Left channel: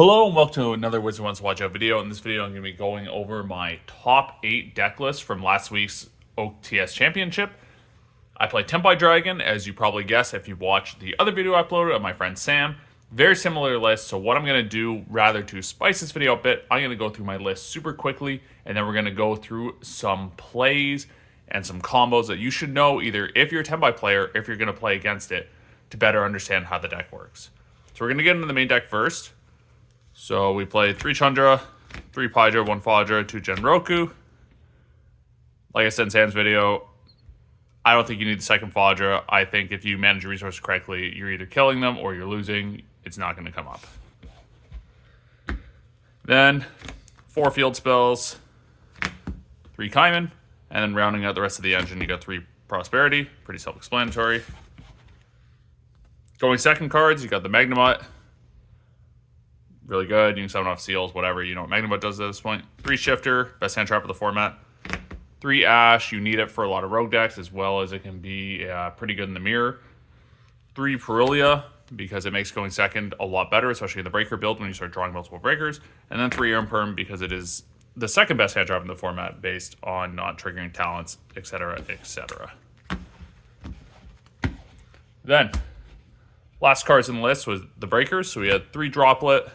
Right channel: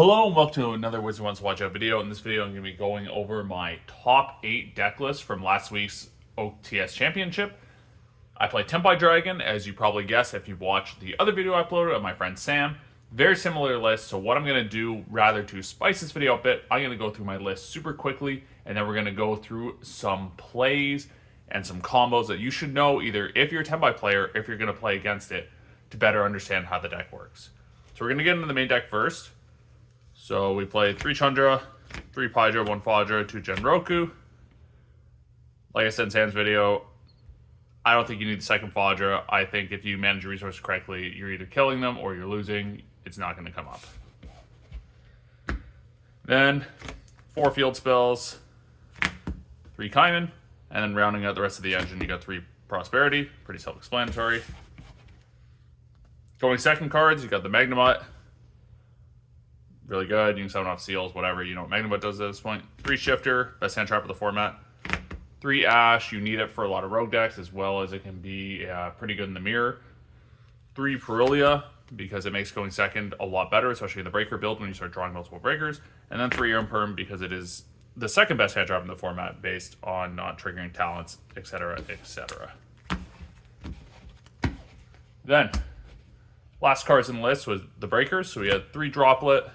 Hello and welcome to another Wizard Wants to Watch Out video. In this video, I'm going to be going over my top 8 deck list from last week's OTS Championship. I play Tenpai Dragon, as you probably guessed if you watched the other video I uploaded of my friend Sam. Very similar list, so what I'm going to do, rather to spice this video a bit, I'm going to go through my list super quickly, and then we're going to go through some plays and some combos that you should know, either if you're a Tenpai player, or if you're going to play against it, to better understand how the deck works. So we're going to get into the main deck first. So we played 3 Chandra, 3 Paidra, 1 Fadra, 2 Genroku. Like I said in Sam's video, I don't think you need the second Fadra. I think if you manage your resources correctly, you're either killing them or you're losing. It's not going to come up. Then 4 field spells, 3 Kaiman, and then rounding out the rest of the engine, you got 3 Prosperity. Pretty self-explanatory. Going second cards, you got the Magnemite. Really good. You can summon off seals, whatever. You know what Magnemite does at this point. 3 Shifter, best hand trap of the format. 3 Ash, you need it for a lot of rogue decks, as well as it can be pretty good in the mirror. 3 Perilia, because it makes going second a lot better, especially in the breaker build when you start drawing multiple breakers. And then 3 Imperm, because it is the second best hand trap in the format based on not triggering talents, etc., etc. Then, last cards in the list was the breakers. So we had 3 Droplet,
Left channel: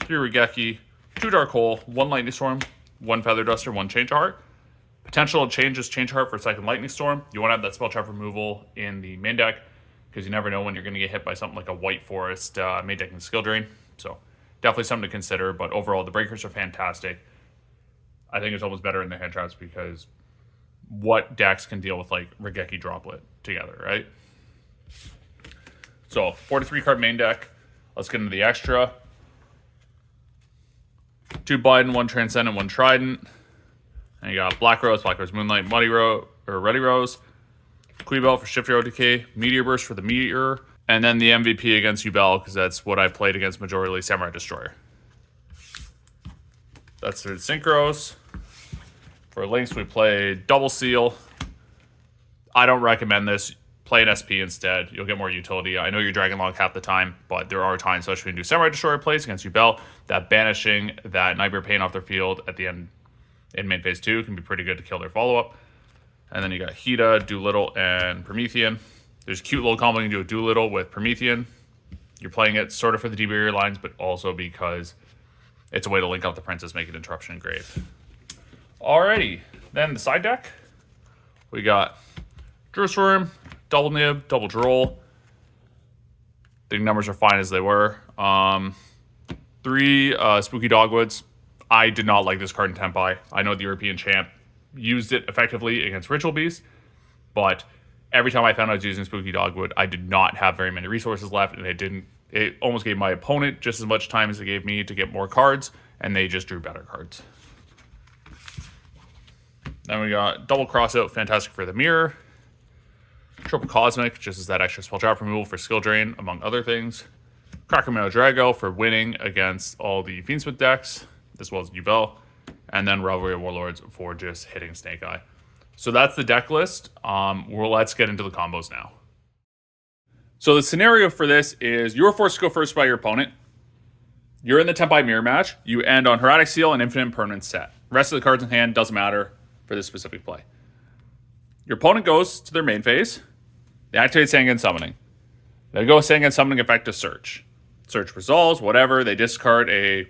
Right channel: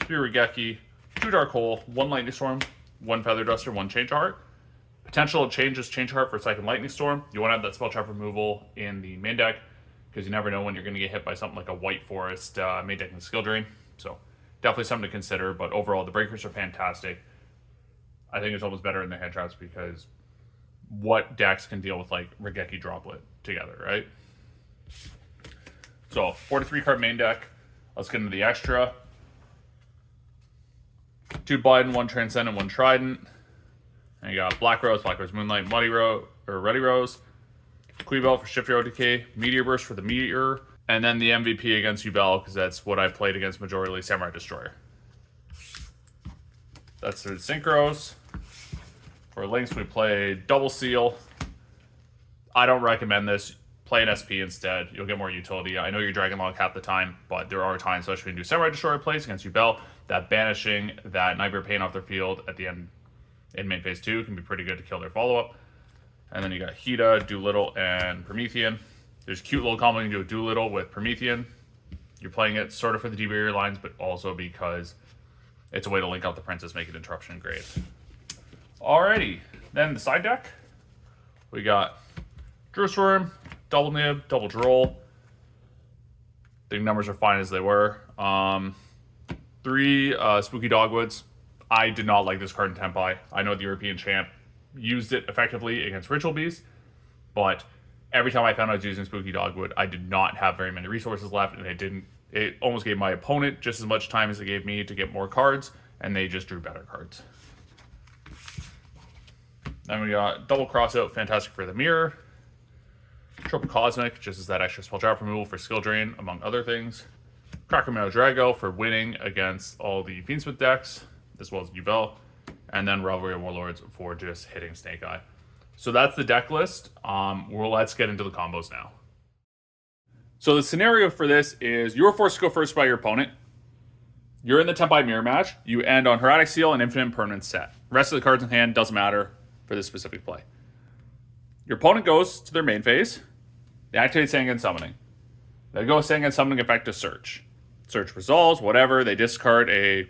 3 Regeki, 2 Dark Hole, 1 Lightning Storm, 1 Feather Duster, 1 Change Heart. Potential changes Change Heart for second Lightning Storm. You want to have that spell trap removal in the main deck, because you never know when you're going to get hit by something like a White Forest main deck and Skill Drain. So definitely something to consider, but overall the breakers are fantastic. I think it's almost better in the hand traps, because what decks can deal with like Regeki Droplet together, right? So 43 card main deck. Let's get into the extra. 2 Biden, 1 Transcendent, 1 Trident. And you got Black Rose Moonlight, Ready Rose, Quibel for Shifter OTK, Meteor Burst for the Meteor, and then the MVP against Yubel, because that's what I played against majorly Samurai Destroyer. That's the Synchros. For links, we played Double Seal. I don't recommend this. Play an SP instead. You'll get more utility. I know you're dragging along half the time, but there are times, especially when you do Samurai Destroyer plays against Yubel, that banishing that Nightmare Pain off their field at the end in main phase 2 can be pretty good to kill their follow-up. And then you got Hida, Doolittle, and Promethean. There's a cute little combo you can do a Doolittle with Promethean. You're playing it sort of for the D barrier lines, but also because it's a way to link out the princess, make it Interruption Grave. Alrighty, then the side deck. We got Jerusalem, Double Nib, Double Droll. The numbers are fine as they were. 3 Spooky Dogwoods. I did not like this card in Tenpai. I know the European champ used it effectively against Ritual Beast, but every time I found I was using Spooky Dogwood, I did not have very many resources left, and it almost gave my opponent just as much time as it gave me to get more cards, and they just drew better cards. Then we got Double Crossout, fantastic for the mirror. Triple Cosmic, just as that extra spell trap removal for skill drain, among other things. Krakamino Drago for winning against all the Fiendsmith decks, as well as Yubel. And then Revelry of Warlords for just hitting Snake Eye. So that's the deck list. Let's get into the combos now. So the scenario for this is you're forced to go first by your opponent. You're in the Tenpai mirror match. You end on Hieratic Seal and Infinite Permanent set. Rest of the cards in hand doesn't matter for this specific play. Your opponent goes to their main phase. They activate Sangan Summoning. They go Sangan Summoning effect to search. Search resolves, whatever. They discard a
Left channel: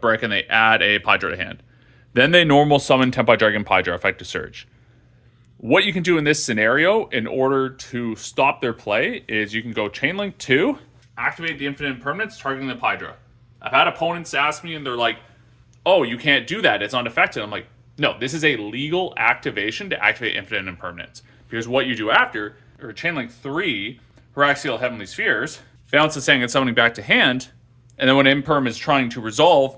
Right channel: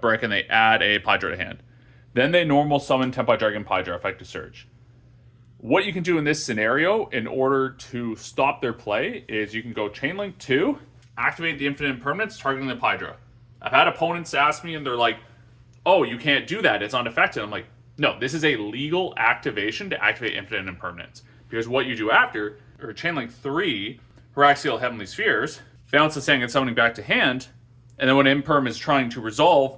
brick and they add a Paidra to hand. Then they normal summon Tenpai Dragon Paidra effect to search. What you can do in this scenario in order to stop their play is you can go Chainlink 2, activate the Infinite Impermanence, targeting the Paidra. I've had opponents ask me and they're like, oh, you can't do that, it's unaffected. I'm like, no, this is a legal activation to activate Infinite Impermanence. Because what you do after, or Chainlink 3, Haraxial Heavenly Spheres, bounce the Sangan Summoning back to hand, and then when Imperm is trying to resolve,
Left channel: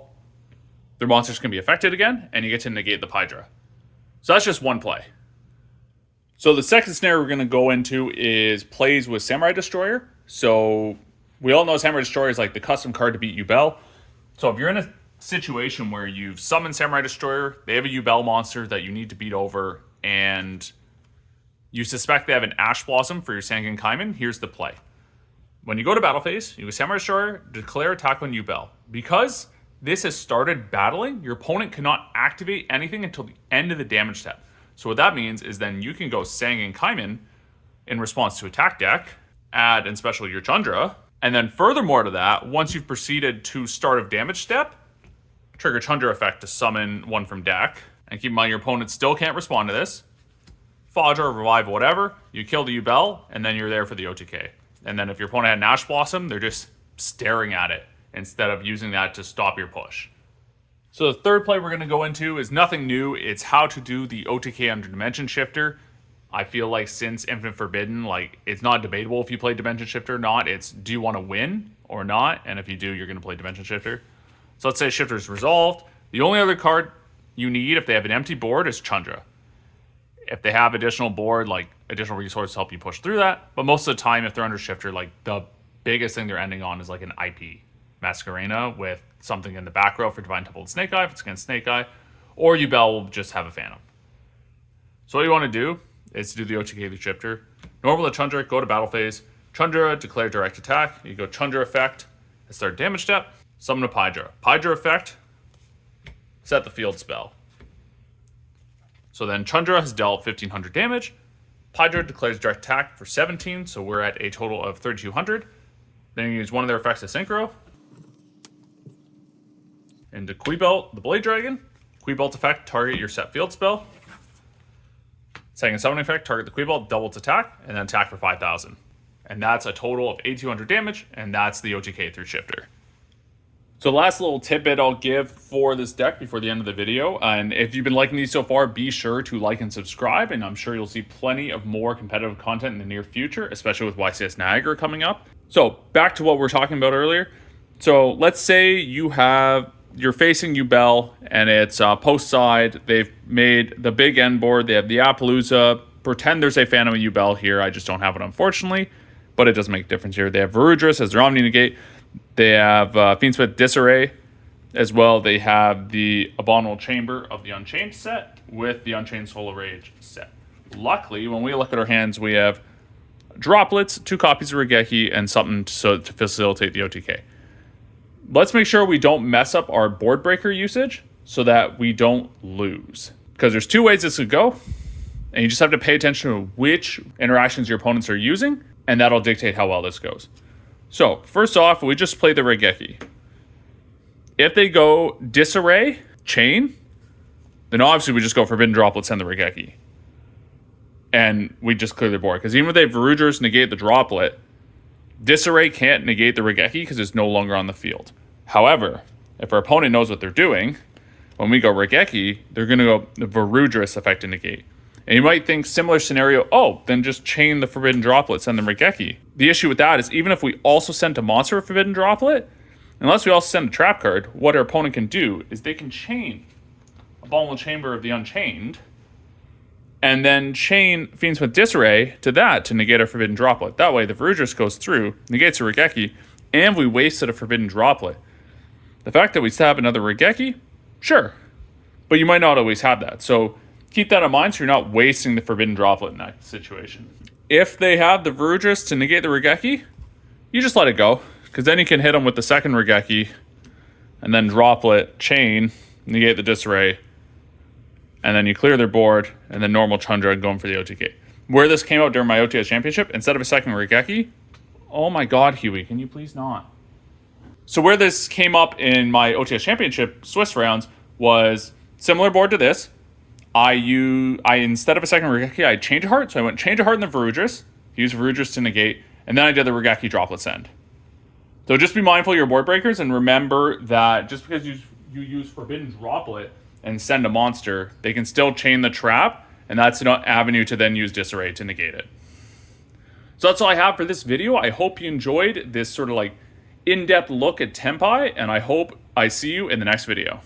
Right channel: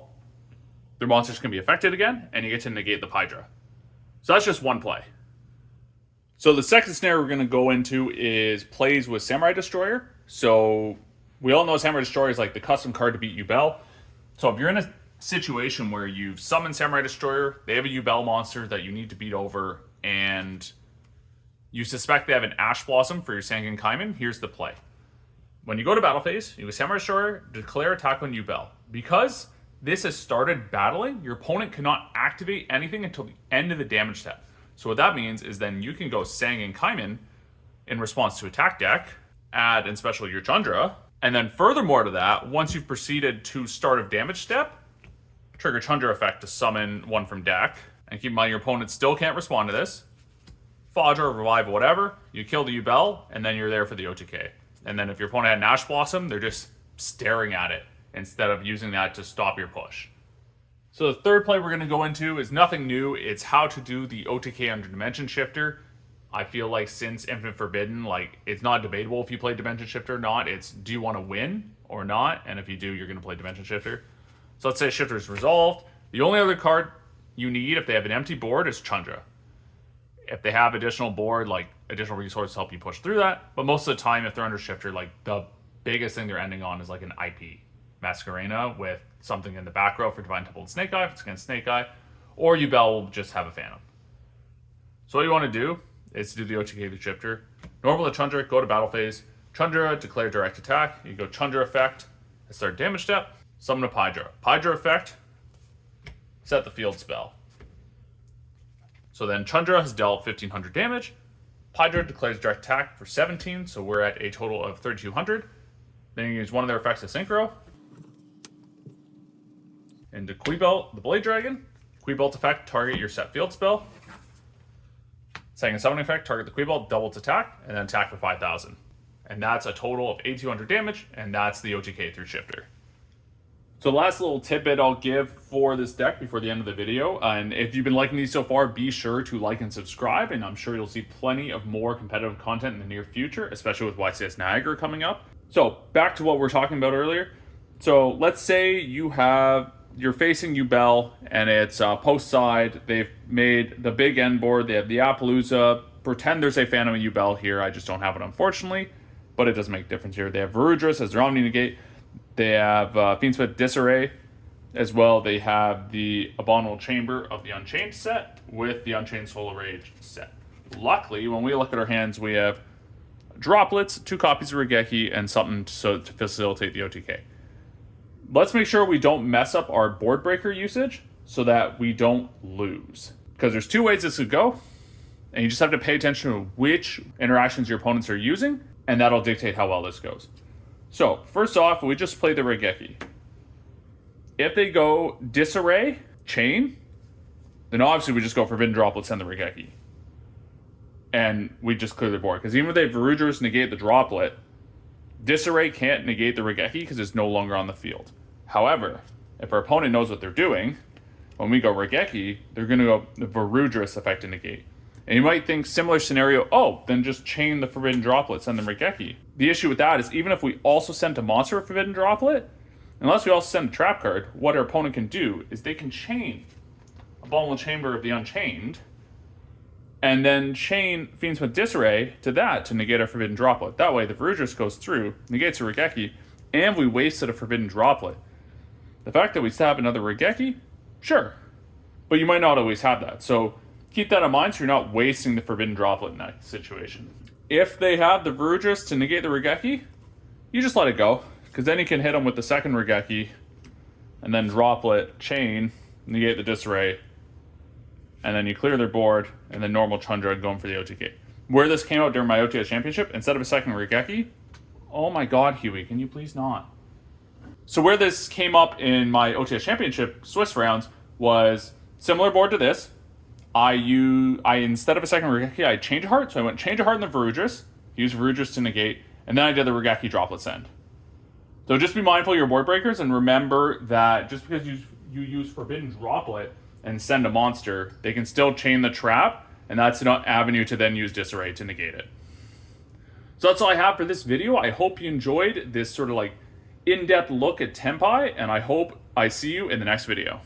their monsters can be affected again, and you get to negate the Paidra. So that's just one play. So the second scenario we're going to go into is plays with Samurai Destroyer. So we all know Samurai Destroyer is like the custom card to beat Yubel. So if you're in a situation where you've summoned Samurai Destroyer, they have a Yubel monster that you need to beat over, and you suspect they have an Ash Blossom for your Sangan Kaiman, here's the play. When you go to battle phase, you go Samurai Destroyer, declare attack on Yubel. Because this has started battling, your opponent cannot activate anything until the end of the damage step. So what that means is then you can go Sang and Kaiman in response to attack deck, add and special your Chandra, and then furthermore to that, once you've proceeded to start of damage step, trigger Chandra effect to summon one from deck. And keep in mind your opponent still can't respond to this. Fodger, revive, whatever, you kill the Yubel, and then you're there for the OTK. And then if your opponent had an Ash Blossom, they're just staring at it instead of using that to stop your push. So the third play we're going to go into is nothing new. It's how to do the OTK under Dimension Shifter. I feel like since Infinite Forbidden, like, it's not debatable if you play Dimension Shifter or not. It's, do you want to win or not? And if you do, you're going to play Dimension Shifter. So let's say Shifter is resolved. The only other card you need if they have an empty board is Chandra. If they have additional board, like additional resources to help you push through that. But most of the time, if they're under Shifter, like the biggest thing they're ending on is like an IP Masquerena with something in the back row for Divine Temple and Snake Eye if it's against Snake Eye. Or Yubel will just have a Phantom. So what you want to do is to do the OTK through Shifter. Normal to Chandra, go to battle phase. Chandra, declare direct attack. You go Chandra effect, start damage step, summon a Pydra. Pydra effect, set the field spell. So then Chandra has dealt 1500 damage. Pydra declares direct attack for 17, so we're at a total of 3200. Then you use one of their effects to synchro. Into Quibelt, the Blade Dragon. Quibelt effect, target your set field spell. Second summoning effect, target the Quibelt, double its attack, and then attack for 5000. And that's a total of 8200 damage, and that's the OTK through Shifter. So last little tidbit I'll give for this deck before the end of the video, and if you've been liking these so far, be sure to like and subscribe, and I'm sure you'll see plenty of more competitive content in the near future, especially with YCS Niagara coming up. So back to what we were talking about earlier. So let's say you're facing Yubel, and it's post side. They've made the big end board. They have the Appaloosa. Pretend there's a Phantom Yubel here. I just don't have it, unfortunately, but it doesn't make a difference here. They have Varudris as their Omni Negate. They have Fiendsmith Disarray as well. They have the Abominable Chamber of the Unchained set with the Unchained Soul Rage set. Luckily, when we look at our hands, we have droplets, 2 copies of Regeki, and something to facilitate the OTK. Let's make sure we don't mess up our board breaker usage so that we don't lose. Because there's 2 ways this could go, and you just have to pay attention to which interactions your opponents are using, and that'll dictate how well this goes. So, first off, we just play the Regeki. If they go Disarray, Chain, then obviously we just go Forbidden Droplets and the Regeki. And we just clear the board. Because even if they have Varudris negate the Droplet, Disarray can't negate the Regeki because it's no longer on the field. However, if our opponent knows what they're doing, when we go Regeki, they're going to go the Varudris effect and negate. And you might think, similar scenario, oh, then just chain the Forbidden Droplet, send the Regeki. The issue with that is even if we also send a monster a Forbidden Droplet, unless we also send a trap card, what our opponent can do is they can chain Abominable Chamber of the Unchained, and then chain Fiendsmith Disarray to that to negate our Forbidden Droplet. That way the Varudris goes through, negates a Regeki, and we wasted a Forbidden Droplet. The fact that we still have another Regeki, sure, but you might not always have that. So keep that in mind so you're not wasting the Forbidden Droplet in that situation. If they have the Varudris to negate the Regeki, you just let it go, because then you can hit them with the second Regeki, and then Droplet, chain, negate the Disarray, and then you clear their board, and then normal Chandra going for the OTK. Where this came out during my OTS Championship, instead of a second Regeki, oh my god, Huey, can you please not? So where this came up in my OTS Championship Swiss rounds was similar board to this. I instead of a second Regeki, I Change a Heart. So I went Change a Heart in the Varudris, use Varudris to negate, and then I did the Regeki Droplet Send. So just be mindful of your board breakers, and remember that just because you use Forbidden Droplet and send a monster, they can still chain the trap, and that's an avenue to then use Disarray to negate it. So that's all I have for this video. I hope you enjoyed this sort of like in-depth look at Tenpai, and I hope I see you in the next video.